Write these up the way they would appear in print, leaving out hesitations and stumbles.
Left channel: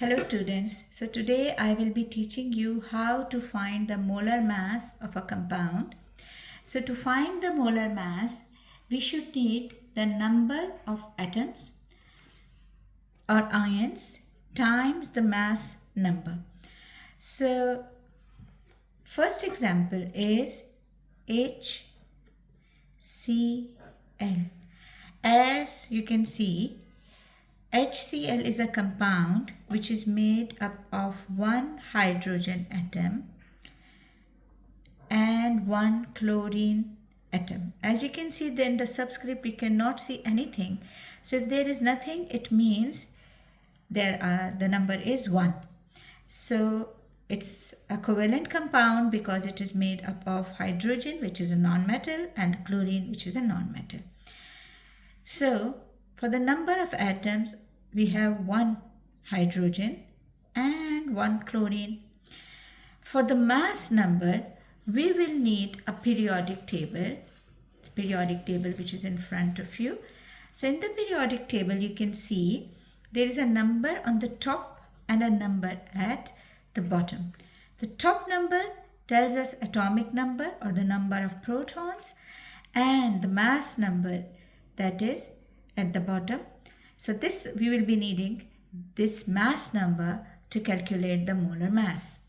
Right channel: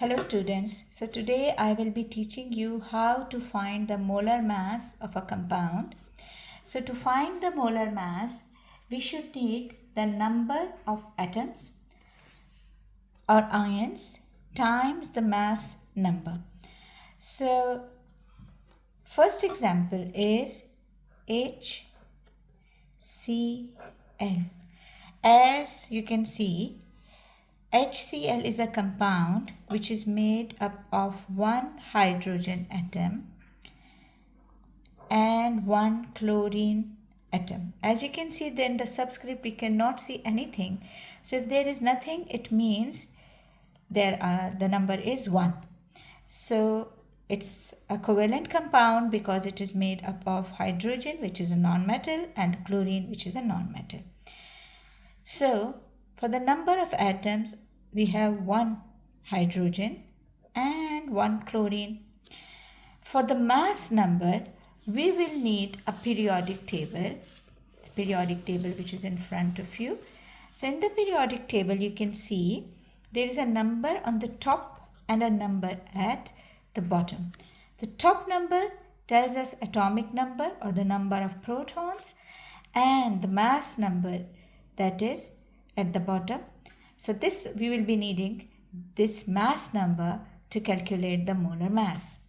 Hello students, so today I will be teaching you how to find the molar mass of a compound. So to find the molar mass, we should need the number of atoms or ions times the mass number. So first example is HCl. As you can see, HCl is a compound which is made up of one hydrogen atom and one chlorine atom. As you can see, then the subscript we cannot see anything. So if there is nothing, it means the number is 1. So it's a covalent compound because it is made up of hydrogen, which is a non-metal, and chlorine, which is a non-metal. So for the number of atoms, we have one hydrogen and one chlorine. For the mass number, we will need a periodic table which is in front of you. So in the periodic table, you can see there is a number on the top and a number at the bottom. The top number tells us atomic number or the number of protons, and the mass number, that is at the bottom. So this we will be needing this mass number to calculate the molar mass.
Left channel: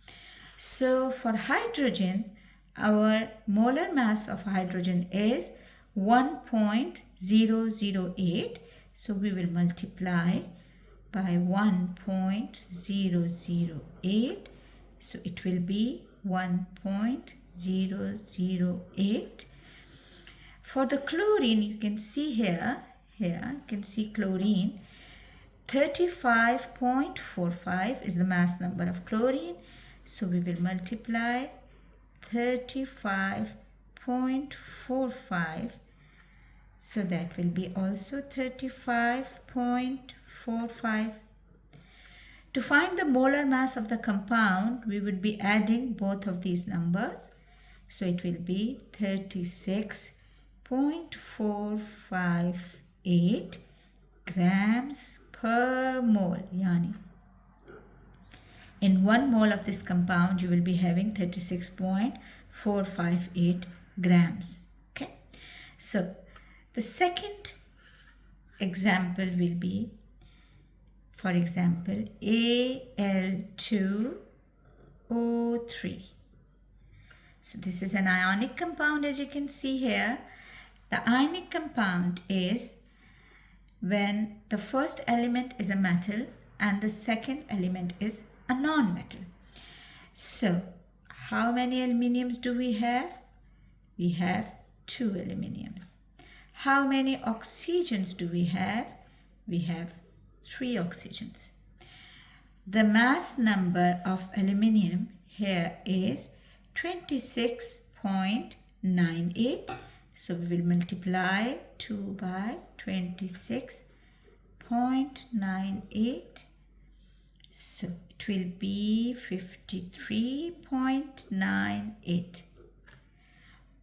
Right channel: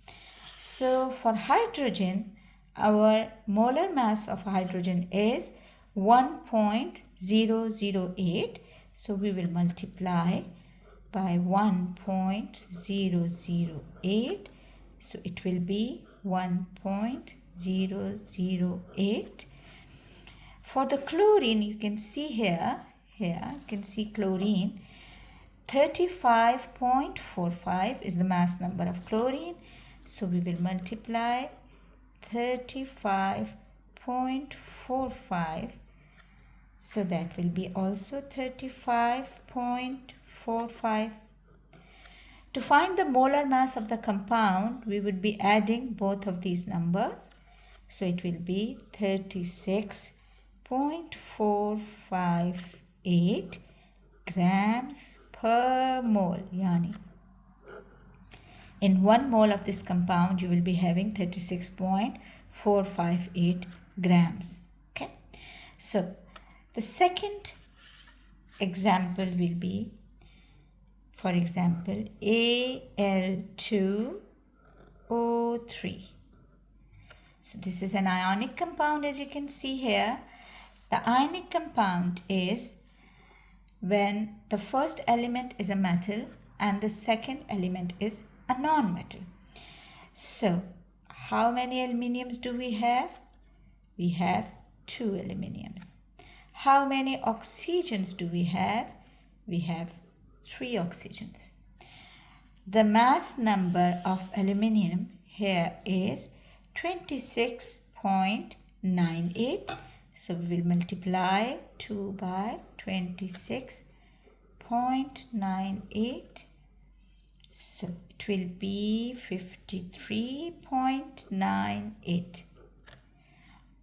So for hydrogen, our molar mass of hydrogen is 1.008. So we will multiply by 1.008. So it will be 1.008. For the chlorine, you can see here you can see chlorine, 35.45 is the mass number of chlorine. So we will multiply 35.45. So that will be also 35.45. To find the molar mass of the compound, we would be adding both of these numbers. So it will be 36.458 grams per mole. Yani in 1 mole of this compound, you will be having 36.458 grams. Okay. So the second example will be, for example, Al2O3. So this is an ionic compound, as you can see here. The ionic compound is when the first element is a metal and the second element is a non-metal. So how many aluminiums do we have? We have 2 aluminiums. How many oxygens do we have? We have 3 oxygens. The mass number of aluminium here is 26.98. So we will multiply 2 by 26.98. So it will be 53.98.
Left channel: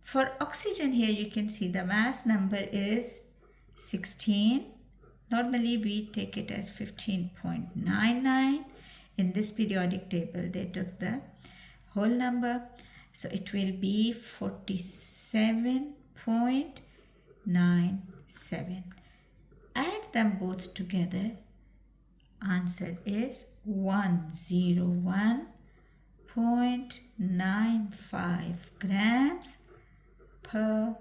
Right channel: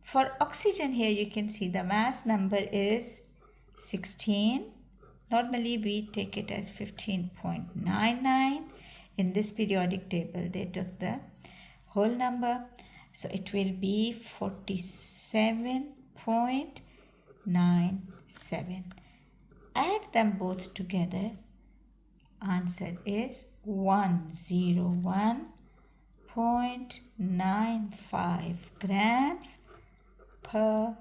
For oxygen here, you can see the mass number is 16. Normally we take it as 15.99. In this periodic table, they took the whole number. So it will be 47.97. Add them both together. Answer is 101.95 grams per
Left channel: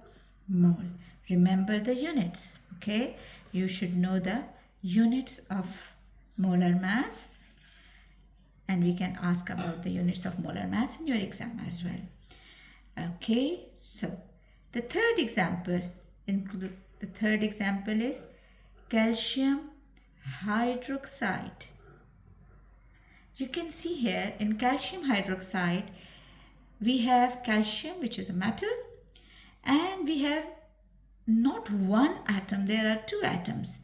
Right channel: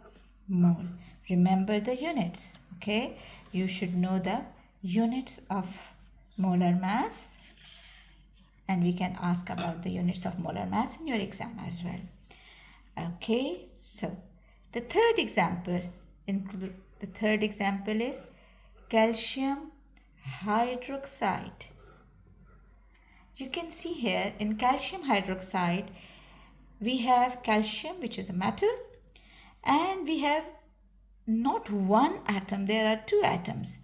mole. Remember the units, okay? You should know the units of molar mass, and we can ask about the units of molar mass in your exam as well. Okay, so the third example is calcium hydroxide. You can see here in calcium hydroxide, we have calcium, which is a metal, and we have not one atom, there are 2 atoms.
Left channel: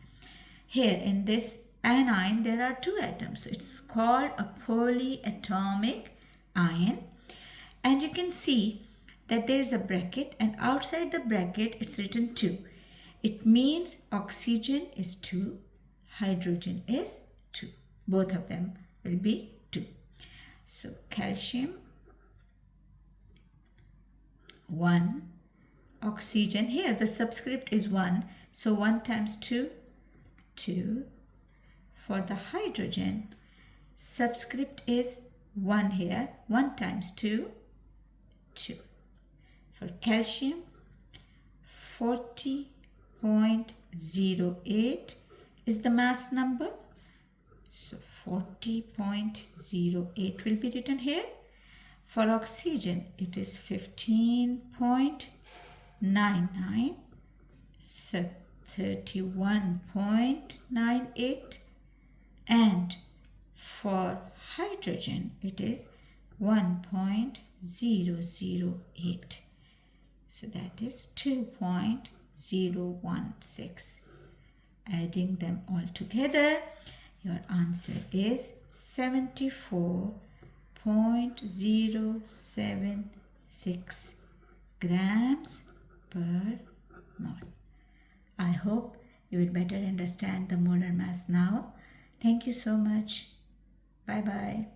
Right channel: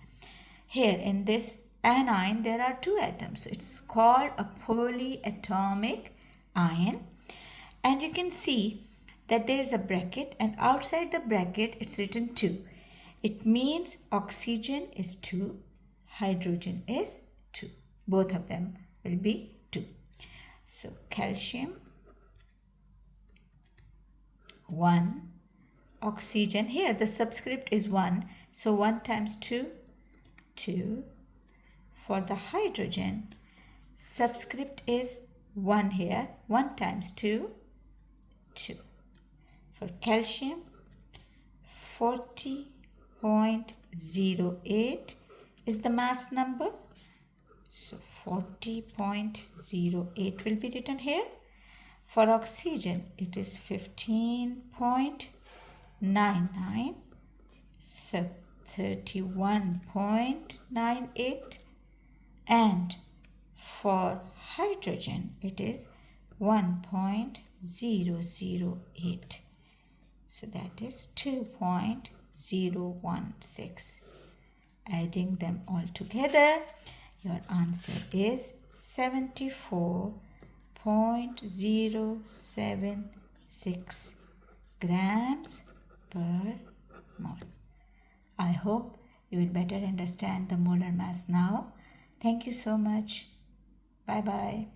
Here in this anion, there are 2 atoms. So it's called a polyatomic ion. And you can see that there is a bracket, and outside the bracket, it's written 2. It means oxygen is 2, hydrogen is 2. Both of them will be 2. So calcium 1, oxygen, here the subscript is 1, so 1 times 2, 2. For the hydrogen, subscript is 1 here, 1 times 2, 2. For calcium, 40.08 is the mass number. So 40.08 will be written here. For oxygen, it is 15.99. So 31.98. And for hydrogen, it is 1.008. So that is 2.016. Adding them all together, your answer is 74.076 grams per mole. I hope you will better understand the molar mass now. Thank you so much. Bye bye.